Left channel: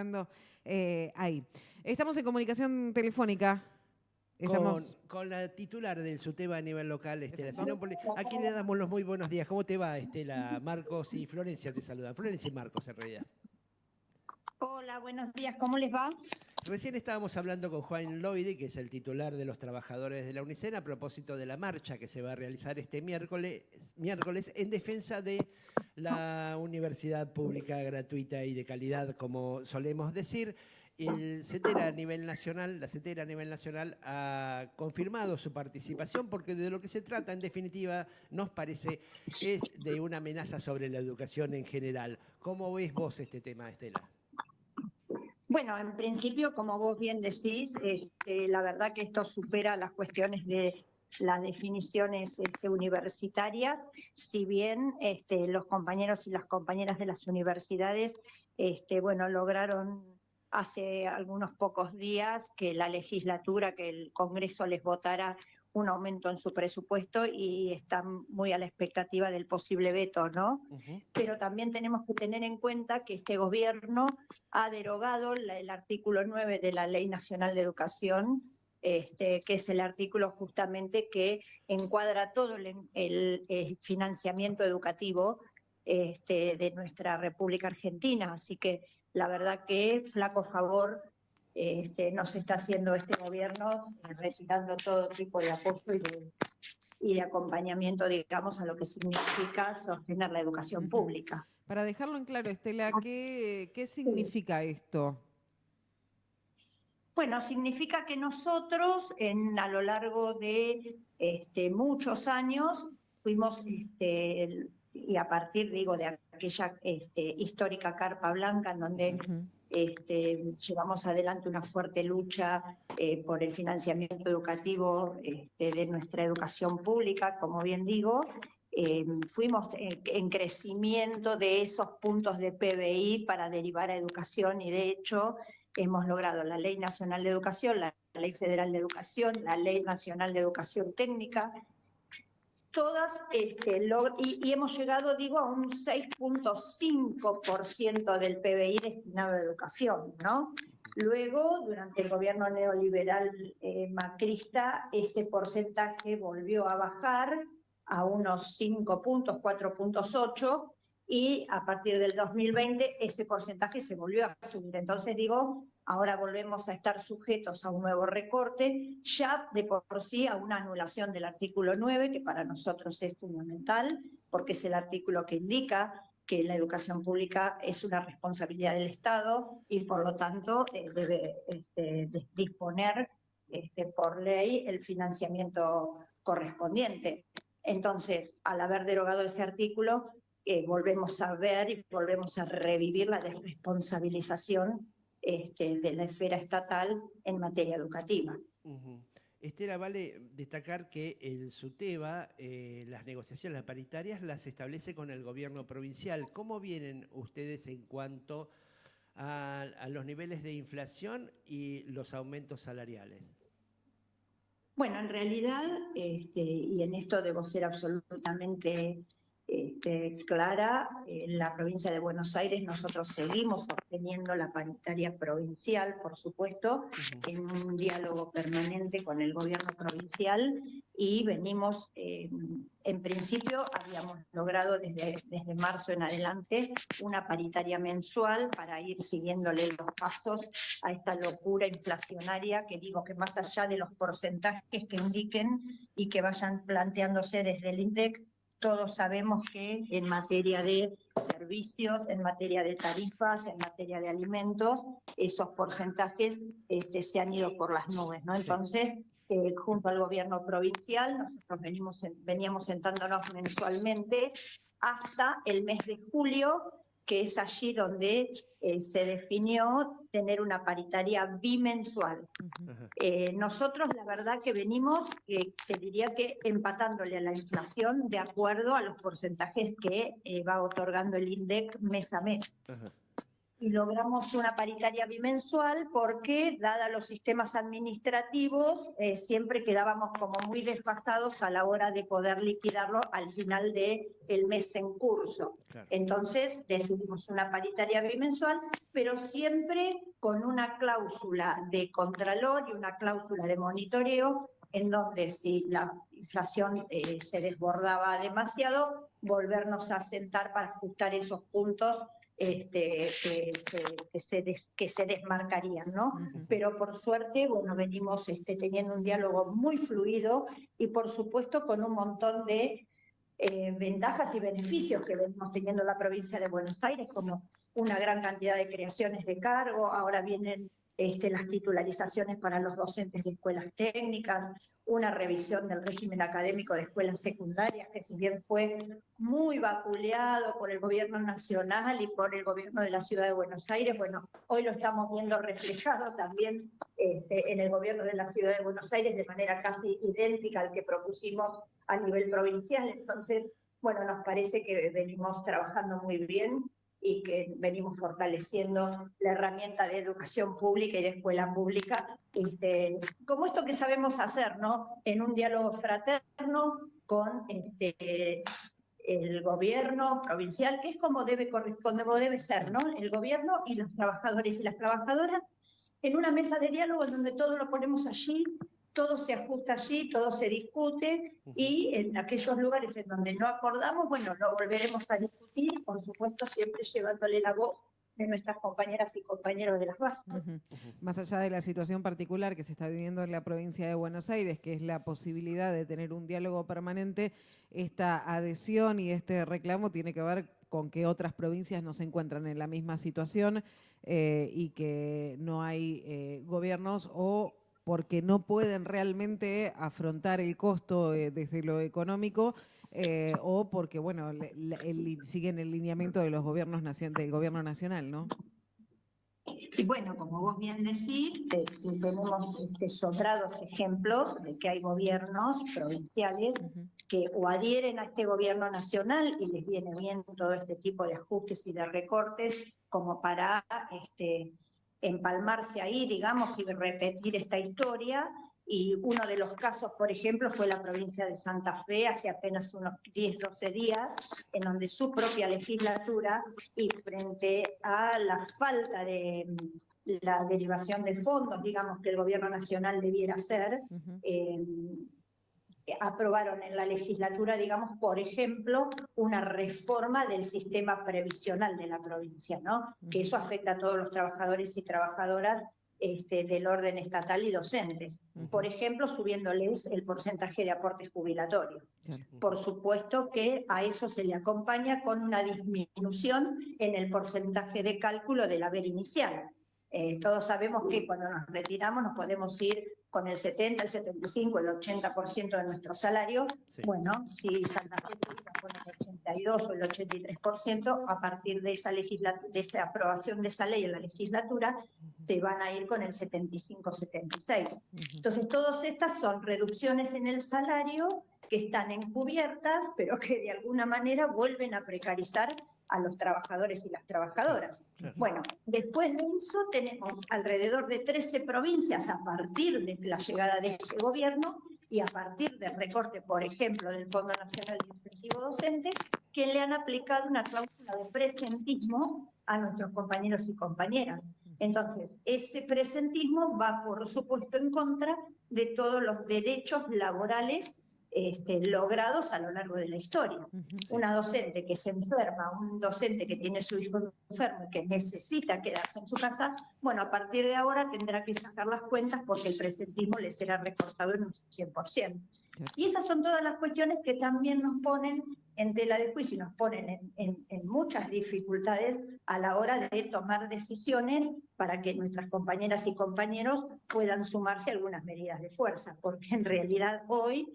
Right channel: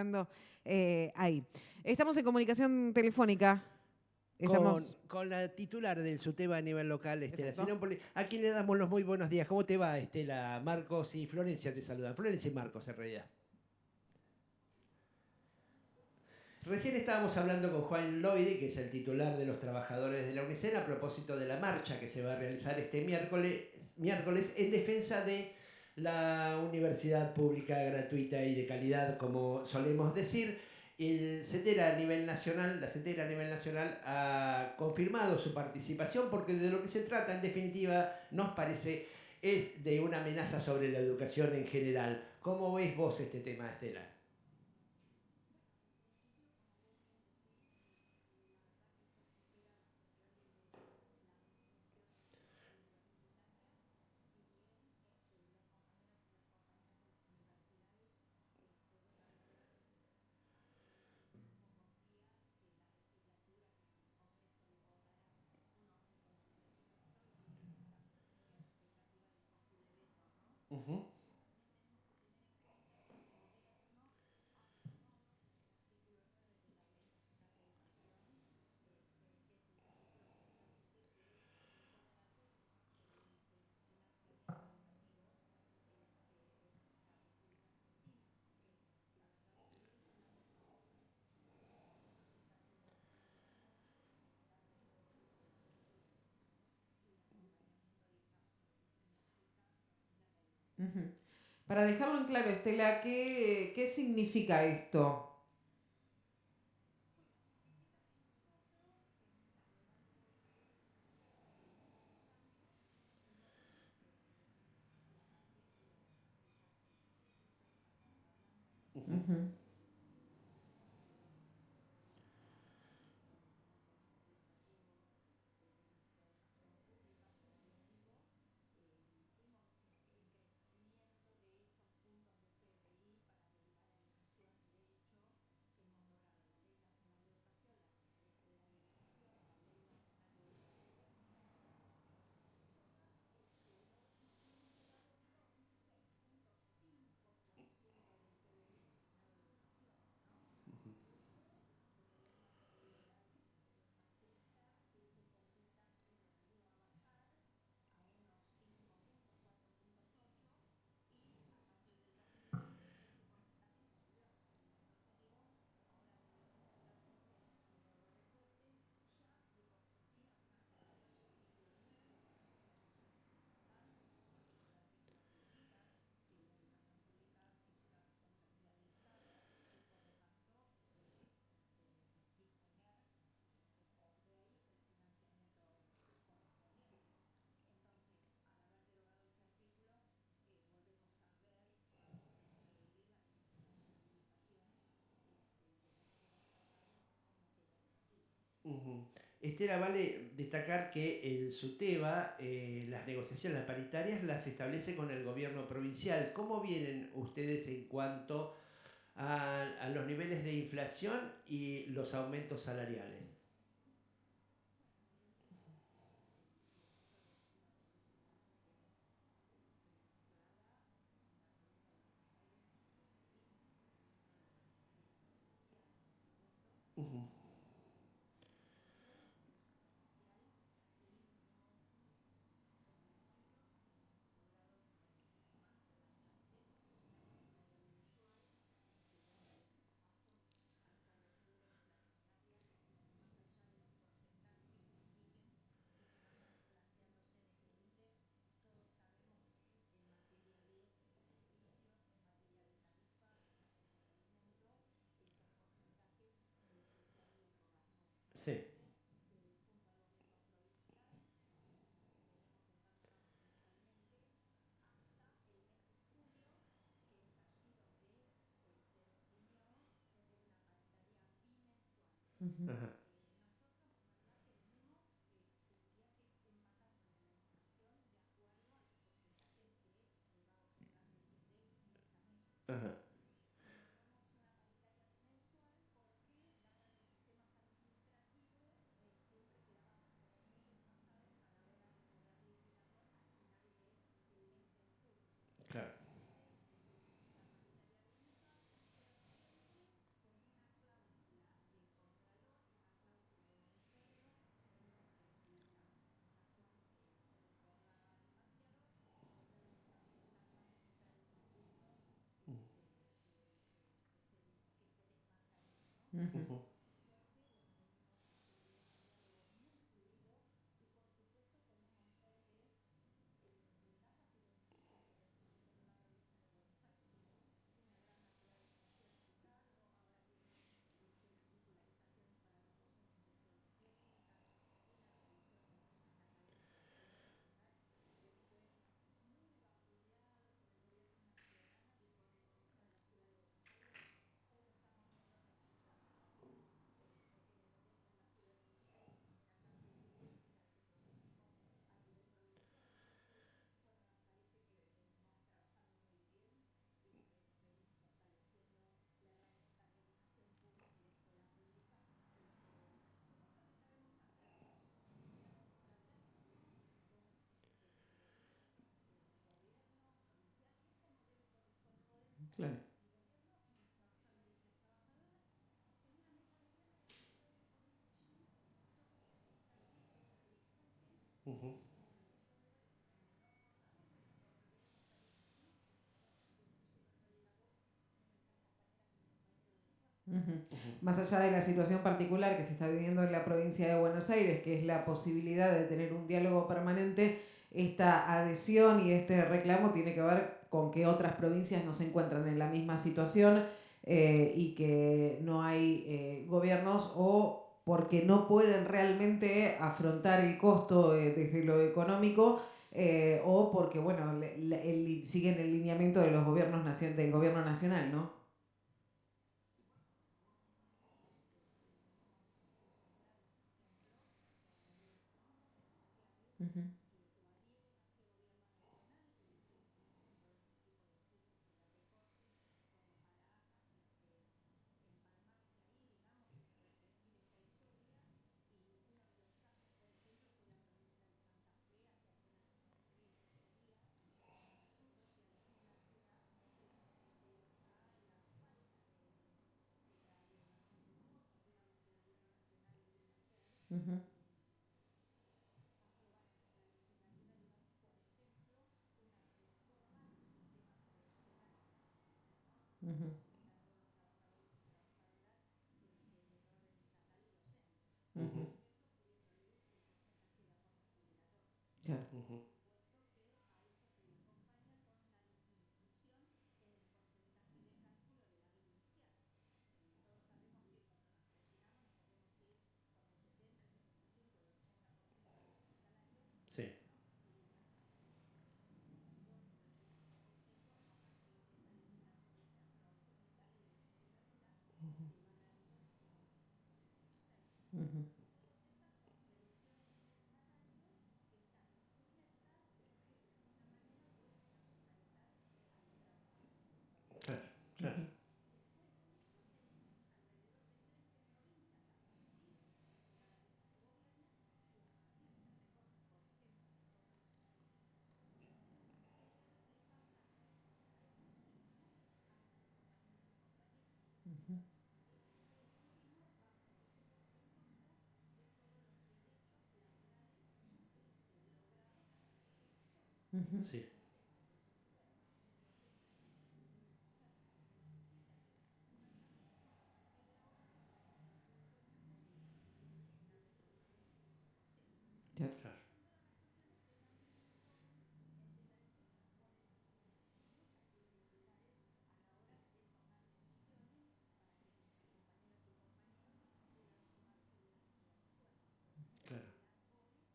acomodando ahí. Estamos en comunicación telefónica. Con la titular del SUTEBA a nivel local, Estela Exacto. Sinopoli, a quien le damos los muy buenos días. ¿Cómo te va, Estela? Marcos y Florencia te saludan. Florencia y Marcos, en realidad. Hola, buenos días, ¿cómo les va? Recién estábamos hablando con Juan Loide, que es el titular de los trabajadores de la UNICEN, a propósito de la marcha que se va a realizar este miércoles en defensa de la universidad pública, gratuita y de calidad, como solemos decir. El CETERA a nivel nacional, la CETERA a nivel nacional ha confirmado su participación porque de lo que se trata, en definitiva, nos parece, es de una amenaza sobre la educación en general. ¿Cómo ves vos este tema, Estela? Bueno, en principio, como vos bien decís, la verdad que esto supera las cuestiones de las definiciones universitarias, si bien los compañeros y las compañeras de las universidades, bueno, lograron hace algunos pocos días que la legislatura, que el Congreso les votara un aumento en su presupuesto y están muy a la expectativa del posible veto, ¿no? Pero también tenemos que tener en cuenta que este gobierno ha derogado el artículo 9 de la Ley Nacional de Educación, que es el artículo justamente que encuadra todo el financiamiento educativo de nuestra República Argentina. Así que la verdad que flaco favor nos está haciendo este gobierno, retirando todo tipo de apoyo y de acompañamiento, digamos, a lo que significa sostener la educación pública. Para dejarlo en claro, Estela, ¿qué significa esto? Bueno, significa que nosotros a lo largo de muchos años fuimos, y a partir, digo, de aquella histórica Carpa Blanca, en donde llevamos adelante una fuerte lucha por el financiamiento educativo de nuestra educación pública, como bien digo, fuimos en crecimiento de esos puntos de PBI para derivar a educación y de hecho hemos logrado la Ley Nacional de Educación, la Ley Federal de Educación, la Ley Nacional de Educación Técnica, todas, y hemos llegado, digo, a un 6.5% del PBI destinado a educación, ¿no? Luego, durante el gobierno neoliberal macrista, ese porcentaje volvió a bajar a unos 5 puntos, 4.8, y a partir del 2020 ese porcentaje se volvió a subir. Entonces digo, ahora volvemos a estar sujetos a un nuevo recorte, ya de por sí a una anulación del artículo 9, que para nosotros es fundamental, porque es el artículo que indica que la educación pública es una responsabilidad del Estado y por lo tanto debe disponer por ley el financiamiento correspondiente. Entonces, al haber derogado ese artículo, volvemos a ver y volvemos a revivir la desresponsabilización de la esfera estatal en materia educativa. Estela, vale destacar que el SUTEBA, las negociaciones, las paritarias, las establece con el gobierno provincial. ¿Cómo vienen ustedes en cuanto a los niveles de inflación y los aumentos salariales? Bueno, en realidad, y en esto debo ser absolutamente clara, en la provincia de Buenos Aires nosotros seguimos obteniendo la paritaria provincial, por supuesto, en un diálogo permanente con el gobierno provincial y venimos, en principio habíamos logrado desde marzo en adelante una paritaria mensual para ir siguiéndole los pasos a esta locura inflacionaria que digo que más allá de los porcentajes que indiquen y que vayan planteándose desde el INDEC, todos sabemos que en materia de servicios, en materia de tarifas, en materia de alimentos, esos porcentajes se han ido por las nubes, ¿no? Entonces, junto al gobierno provincial, nosotros veníamos sentándonos mensualmente hasta el mes de julio, que es allí donde se definió tener una paritaria bimensual. Nosotros la verdad que venimos, te diría que empatándole a la inflación de acuerdo a los porcentajes que va otorgando el INDEC mes a mes. y logramos una paritaria bimensual porque, dada los sistemas administrativos, siempre quedábamos como muy desfasados a la hora de poder liquidarlo al final del mes en curso. Claro. Entonces decidimos una paritaria bimensual, pero siempre con una cláusula de contralor y una cláusula de monitoreo, en donde si la inflación se desbordaba demasiado, volvernos a sentar para ajustar esos puntos que se desmarcarían, ¿no? Ujú. Pero por suerte, bueno, venimos teniendo un diálogo muy fluido y por supuesto con un montón de ventajas y beneficios que venimos teniendo en la provincia de Buenos Aires, como una gran cantidad de creaciones de cargo, ahora vienen las titularizaciones para los docentes de escuelas técnicas, una revisión del régimen académico de escuelas secundarias, que si bien fue muy vapuleado por el gobierno nacional y por el gobierno de la ciudad de Buenos Aires, bueno, hoy lo estamos viendo reflejado también en el gobierno de la ciudad de Buenos Aires de manera casi idéntica al que propusimos a nivel provincial. Entonces, bueno, nos parece que venimos trabajando muy bien y que venimos fortaleciendo la herramienta de educación pública y de escuela pública, como esto que sabemos hacer, ¿no? En un diálogo fraterno con el gobierno provincial, que es como debe ser, ¿no? El gobierno y los trabajadores y las trabajadoras en una mesa de diálogo en donde todo lo ponemos allí, todo se ajusta allí, todo se discute, y en aquellos lugares en donde no acordamos, bueno, lo volveremos a discutir, por supuesto siempre llevándole la voz de nuestras compañeras y compañeros de las bases. Más allá de la situación particular que se está viviendo en la provincia de Buenos Aires, que es la posibilidad de tener un diálogo permanente, esta adhesión y este reclamo tiene que ver con que otras provincias no se encuentran en la misma situación y que no hay gobiernos o porque no pueden realmente afrontar el costo desde lo económico o porque, bueno, siguen el lineamiento de los gobiernos del gobierno nacional, ¿no? Y bueno, como vos bien decís, tenemos sobrados ejemplos de que hay gobiernos provinciales que o adhieren a este gobierno nacional y les viene bien todo este tipo de ajustes y de recortes como para empalmarse ahí, digamos, y repetir esta historia. Y uno de los casos, por ejemplo, fue la provincia de Santa Fe, hace apenas unos 10, 12 días, en donde su propia legislatura, y frente a la falta de la derivación de fondos, digamos, que el gobierno nacional debiera hacer, aprobaron en la legislatura, digamos, por ejemplo, una reforma del sistema previsional de la provincia, ¿no? Que eso afecta a todos los trabajadores y trabajadoras del orden estatal y docentes. Por ejemplo, subiéndoles el porcentaje de aporte jubilatorio. Por supuesto que a eso se le acompaña con una disminución en el porcentaje de cálculo del haber inicial. Todos sabemos que cuando nos retiramos nos podemos ir con el 70, el 75, el 80% de nuestro salario. Sí. Bueno, si Santa Fe con el 82 o el 83%, a partir de esa aprobación de esa ley en la legislatura, se van a ir con el 75-76. Entonces, todas estas son reducciones en el salario que están encubiertas, pero que de alguna manera vuelven a precarizar a los trabajadores y las trabajadoras. Bueno, después de eso tenemos alrededor de 13 provincias a partir de la llegada de este gobierno y a partir del recorte, por ejemplo, del Fondo Nacional de Incentivo Docente, que le han aplicado una cláusula de presentismo a nuestros compañeros y compañeras. Entonces, ese presentismo va, por supuesto, en contra de todos los derechos laborales logrados a lo largo de la historia. Una docente que se enferma, un docente que tiene su hijo enfermo y que necesita quedarse en su casa, bueno, a partir de ahora tendrá que sacar las cuentas porque el presentismo le será recortado en un 100%. Y esas son todas las cuestiones que también nos ponen en tela de juicio y nos ponen en muchas dificultades a la hora de tomar decisiones para que nuestras compañeras y compañeros puedan sumarse a algunas medidas de fuerza, porque en realidad hoy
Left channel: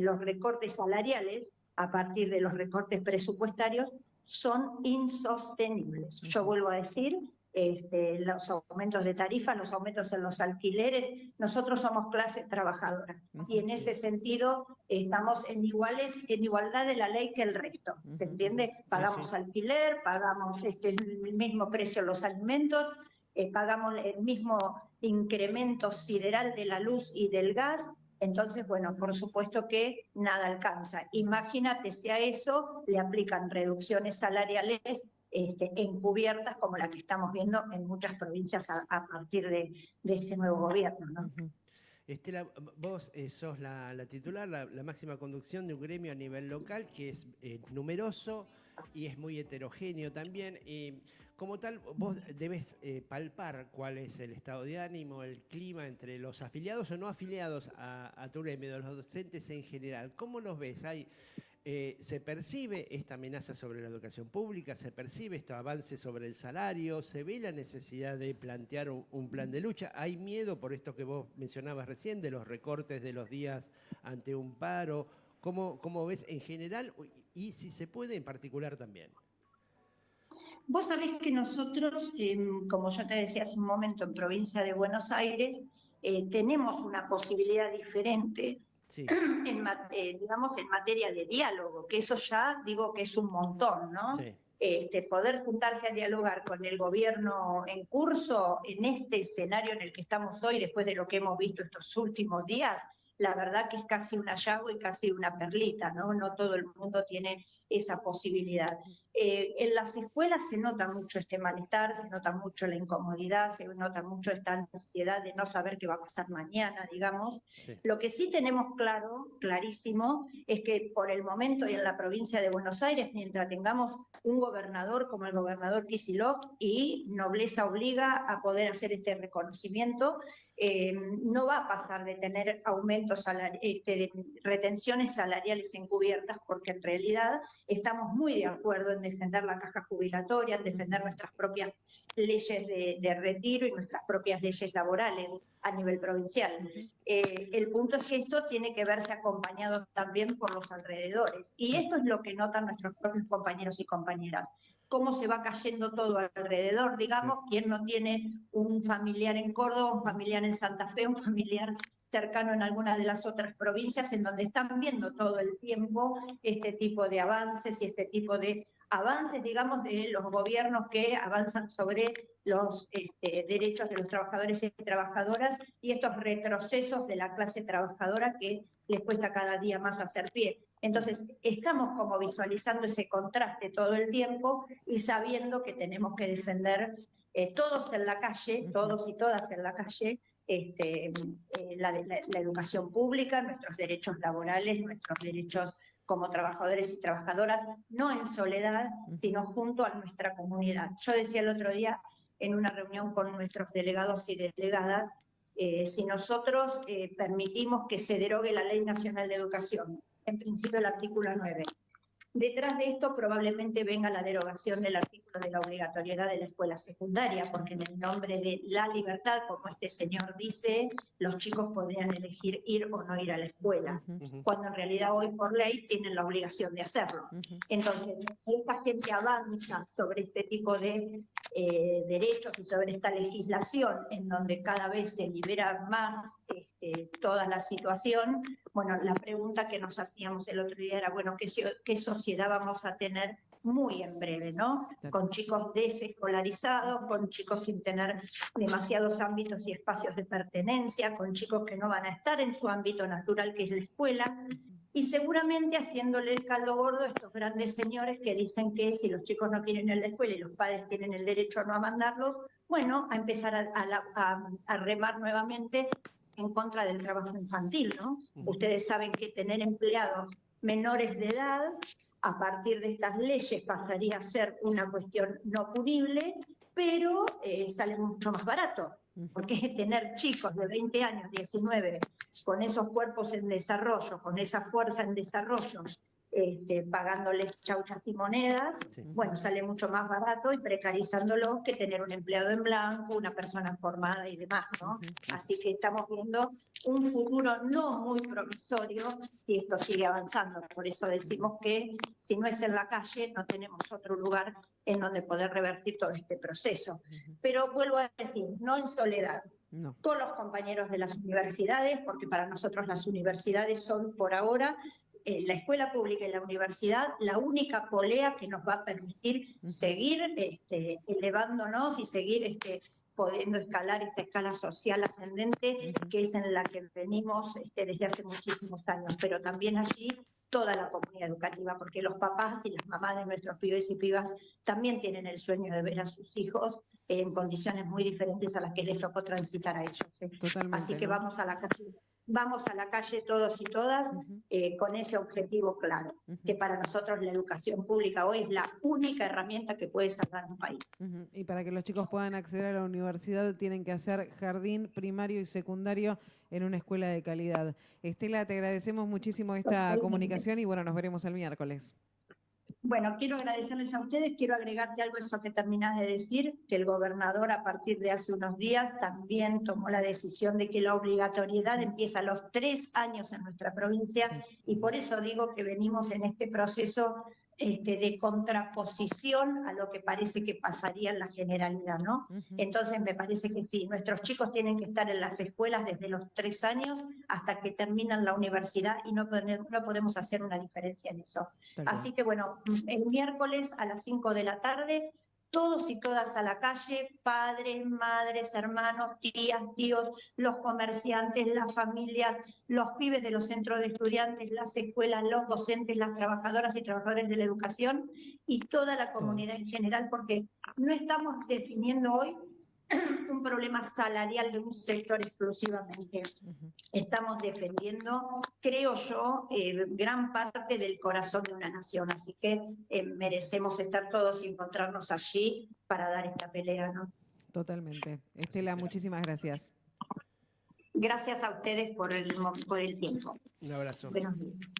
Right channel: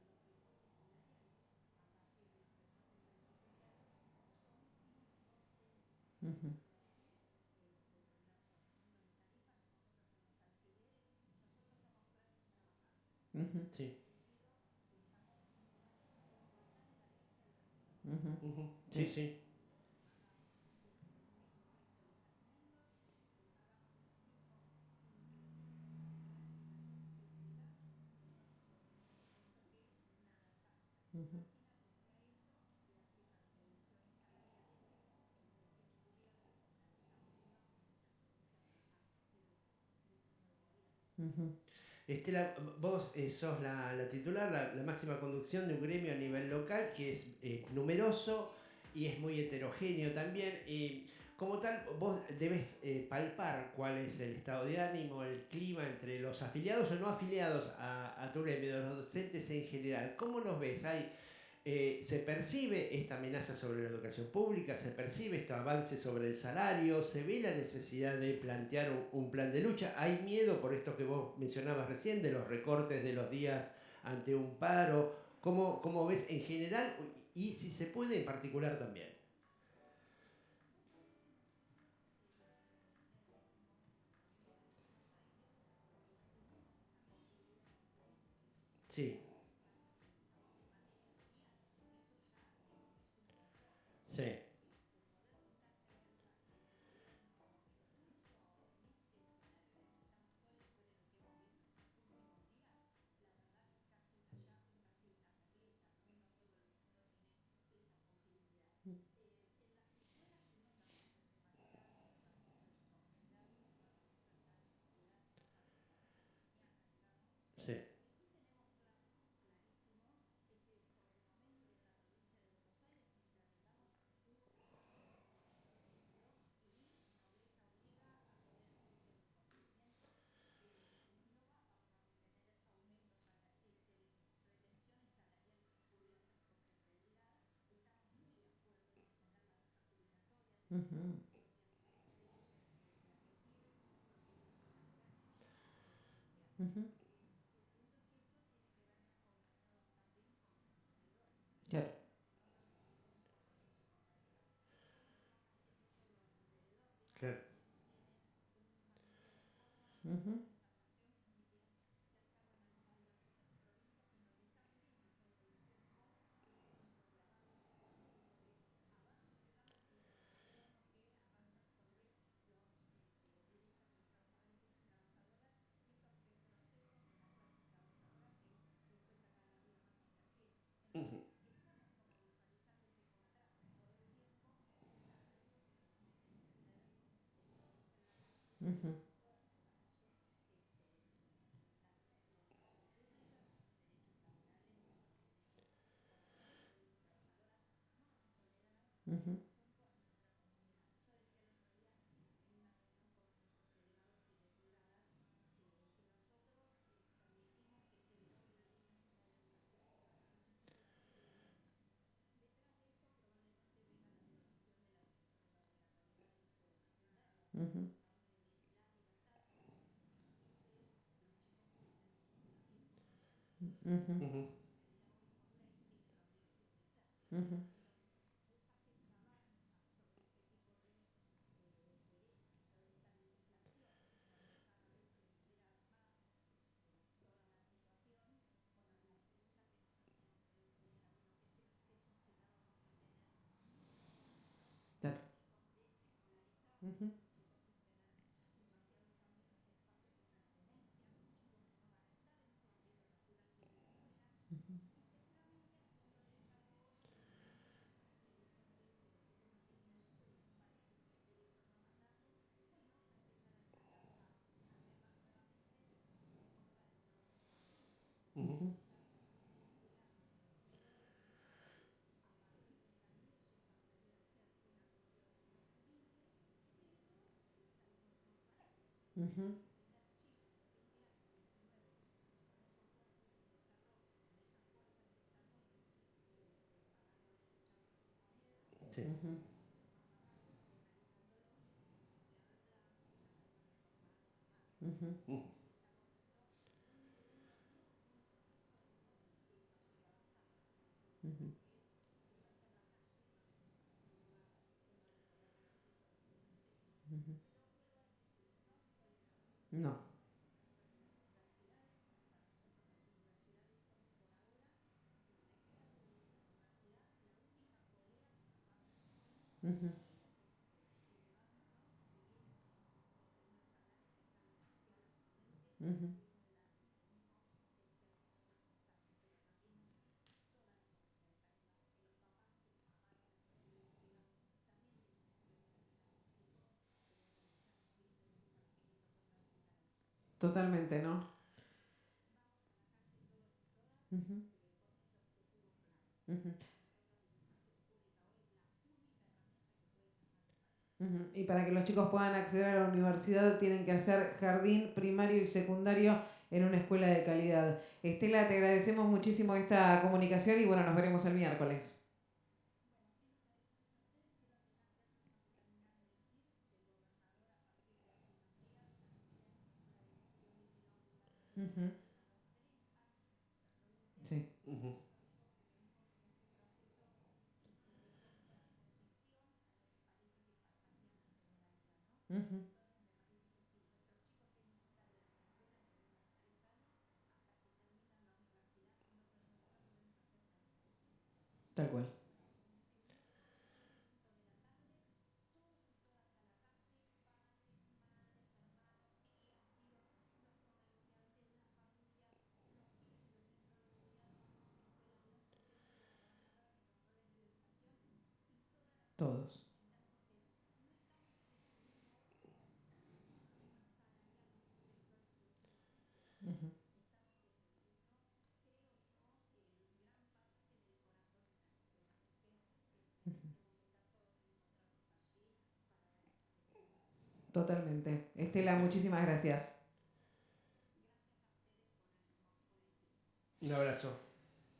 los recortes salariales a partir de los recortes presupuestarios son insostenibles. Yo vuelvo a decir, los aumentos de tarifa, los aumentos en los alquileres. Nosotros somos clase trabajadora y en ese sentido estamos en igualdad de la ley que el resto, ¿se entiende? Pagamos alquiler, pagamos el mismo precio en los alimentos, pagamos el mismo incremento sideral de la luz y del gas. Entonces, bueno, por supuesto que nada alcanza. Imagínate si a eso le aplican reducciones salariales encubiertas como la que estamos viendo en muchas provincias a partir de este nuevo gobierno, ¿no? Estela, vos sos la titular, la máxima conducción de un gremio a nivel local que es numeroso y es muy heterogéneo también. Como tal, vos debes palpar cuál es el estado de ánimo, el clima entre los afiliados o no afiliados a tu gremio, los docentes en general. ¿Cómo los ves? ¿Se percibe esta amenaza sobre la educación pública? ¿Se percibe este avance sobre el salario? ¿Se ve la necesidad de plantear un plan de lucha? ¿Hay miedo por esto que vos mencionabas recién, de los recortes de los días ante un paro? ¿Cómo ves en general y si se puede en particular también? Vos sabés que nosotros, como yo te decía hace un momento, en provincia de Buenos Aires, tenemos una posibilidad diferente, sí. digamos, en materia de diálogo, que eso ya digo que es un montón, ¿no? Sí. Poder juntarse a dialogar con el gobierno en curso, en este escenario en el que estamos hoy, después de lo que hemos visto estos últimos días, la verdad que es casi un hallazgo y casi una perlita, ¿no? No todo el mundo tiene esa posibilidad. En las escuelas se nota mucho este malestar, se nota mucho la incomodidad, se nota mucho esta ansiedad de no saber qué va a pasar mañana, digamos. Sí. Lo que sí tenemos clarísimo, es que por el momento y en la provincia de Buenos Aires, mientras tengamos un gobernador como el gobernador Kicillof, y nobleza obliga a poder hacer este reconocimiento, no va a pasar de tener aumentos de retenciones salariales encubiertas, porque en realidad estamos muy de acuerdo en defender la caja jubilatoria, en defender nuestras propias leyes de retiro y nuestras propias leyes laborales a nivel provincial. El punto es que esto tiene que verse acompañado también por los alrededores, y esto es lo que notan nuestros propios compañeros y compañeras. Cómo se va cayendo todo alrededor, digamos, sí. Quién no tiene un familiar en Córdoba, un familiar en Santa Fe, un familiar cercano en alguna de las otras provincias, en donde están viendo todo el tiempo este tipo de avances y este tipo de avances, digamos, de los gobiernos que avanzan sobre los derechos de los trabajadores y trabajadoras, y estos retrocesos de la clase trabajadora que les cuesta cada día más hacer pie. Entonces, estamos como visualizando ese contraste todo el tiempo y sabiendo que tenemos que defender todos en la calle, todos y todas en la calle, la educación pública, nuestros derechos laborales, nuestros derechos como trabajadores y trabajadoras, no en soledad, sino junto a nuestra comunidad. Yo decía el otro día en una reunión con nuestros delegados y delegadas, si nosotros permitimos que se derogue la Ley Nacional de Educación, en principio el artículo 9, detrás de esto probablemente venga la derogación del artículo de la obligatoriedad de la escuela secundaria, porque en el nombre de la libertad, como este señor dice, los chicos podrían elegir ir o no ir a la escuela, cuando en realidad hoy por ley tienen la obligación de hacerlo. Entonces, si esta gente avanza sobre este tipo de derechos y sobre esta legislación en donde cada vez se libera más toda la situación, bueno, la pregunta que nos hacíamos el otro día era, bueno, ¿qué sociedad vamos a tener muy en breve, ¿no? Con chicos desescolarizados, con chicos sin tener demasiados ámbitos y espacios de pertenencia, con chicos que no van a estar en su ámbito natural, que es la escuela, y seguramente haciéndole el caldo gordo a estos grandes señores que dicen que si los chicos no quieren ir a la escuela y los padres tienen el derecho a no mandarlos, bueno, a empezar a remar nuevamente en contra del trabajo infantil, ¿no? Ustedes saben que tener empleados menores de edad, a partir de estas leyes pasaría a ser una cuestión no punible, pero sale mucho más barato, porque tener chicos de 20 años, 19, con esos cuerpos en desarrollo, con esa fuerza en desarrollo, pagándoles chauchas y monedas, bueno, sale mucho más barato y precarizándolos que tener un empleado en blanco, una persona formada y demás, ¿no? Así que estamos viendo un futuro no muy promisorio si esto sigue avanzando. Por eso decimos que si no es en la calle, no tenemos otro lugar en donde poder revertir todo este proceso. Pero vuelvo a decir, no en soledad, No. con los compañeros de las universidades, porque para nosotros las universidades son por ahora la escuela pública y la universidad la única polea que nos va a permitir seguir elevándonos y seguir pudiendo escalar esta escala social ascendente que es en la que venimos desde hace muchísimos años, pero también allí toda la comunidad educativa, porque los papás y las mamás de nuestros pibes y pibas también tienen el sueño de ver a sus hijos en condiciones muy diferentes a las que les tocó transitar a ellos. Totalmente, así que ¿no? vamos a la calle todos y todas con ese objetivo claro, que para nosotros la educación pública hoy es la única herramienta que puede salvar un país. Y para que los chicos puedan acceder a la universidad tienen que hacer jardín primario y secundario en una escuela de calidad. Estela, te agradecemos muchísimo esta comunicación y bueno, nos veremos el miércoles. Bueno, quiero agradecerles a ustedes, quiero agregarte algo a eso que terminás de decir, que el gobernador a partir de hace unos días también tomó la decisión de que la obligatoriedad empieza a los 3 años en nuestra provincia y por eso digo que venimos en este proceso de contraposición a lo que parece que pasaría en la generalidad, ¿no? Entonces me parece que sí, nuestros chicos tienen que estar en las escuelas desde los 3 años hasta que terminan la universidad y no podemos hacer una diferencia en eso. Así que bueno, el miércoles a las 5 de la tarde, todos y todas a la calle, padres, madres, hermanos, tías, tíos, los comerciantes, las familias, los pibes de los centros de estudiantes, las escuelas, los docentes, las trabajadoras y trabajadores de la educación y toda la comunidad en general, porque no estamos definiendo hoy un problema salarial de un sector exclusivamente. Estamos defendiendo, creo yo, gran parte del corazón de una nación, así que merecemos estar todos y encontrarnos allí para dar esta pelea, ¿no? Totalmente. Estela, muchísimas gracias. Gracias a ustedes por el tiempo. Un abrazo. Buenos días.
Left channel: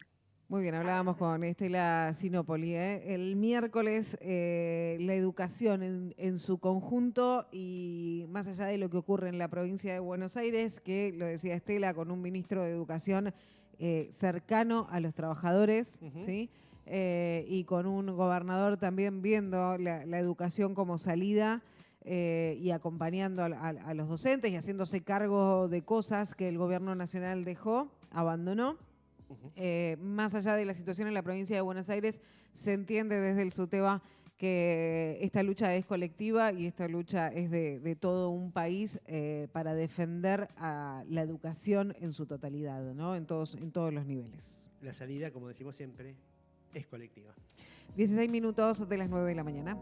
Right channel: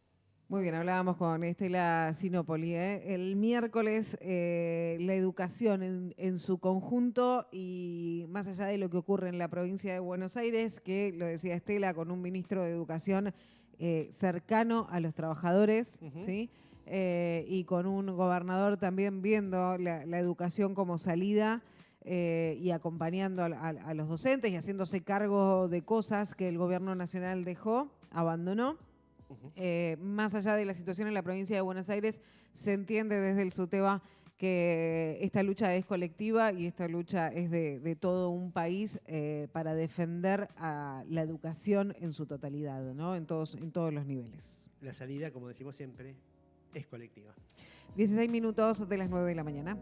Muy bien, hablábamos con Estela Sinopoli. El miércoles la educación en su conjunto y más allá de lo que ocurre en la provincia de Buenos Aires, que lo decía Estela, con un ministro de Educación cercano a los trabajadores, ¿sí? Y con un gobernador también viendo la educación como salida y acompañando a los docentes y haciéndose cargo de cosas que el gobierno nacional abandonó. Más allá de la situación en la provincia de Buenos Aires, se entiende desde el SUTEBA que esta lucha es colectiva y esta lucha es de todo un país para defender a la educación en su totalidad, ¿no? En todos los niveles. La salida, como decimos siempre, es colectiva. 16 minutos de las 9 de la mañana.